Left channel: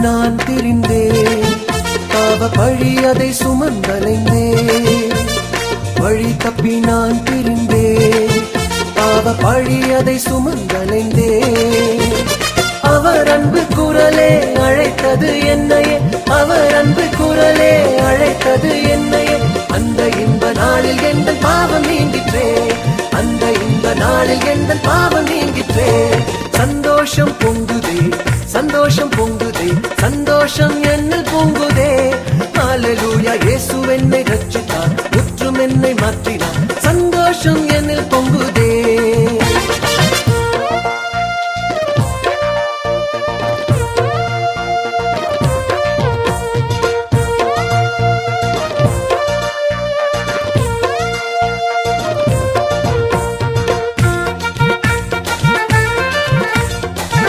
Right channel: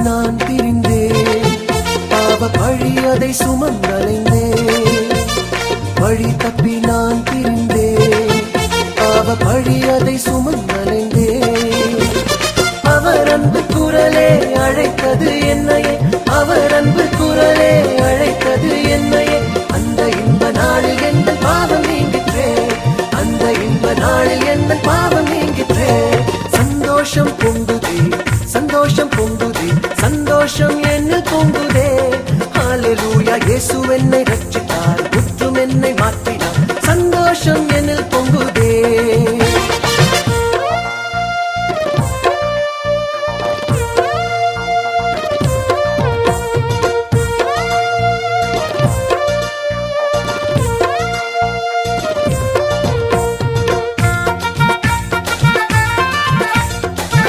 நான் திரிந்தேன், பாவ பழியதை சுமந்தடைந்தேன். வழி தப்பி நான் திரிந்தேன், பாவ பழியதை சுமந்தடைந்தேன். அவர் அன்பு குரலே அழைத்தது என்னையே, அவர் அன்பு குரலே அழைத்தது என்னையே. அந்த இன்ப நாளில் எந்த பாவம் நீங்கிற்றே, அந்த இன்ப நாளில் எந்த பாவம் நீங்கிற்றே. சந்தோஷம் பொங்குதே, சந்தோஷம் பொங்குதே, சந்தோஷம் என்ன பொங்குதே.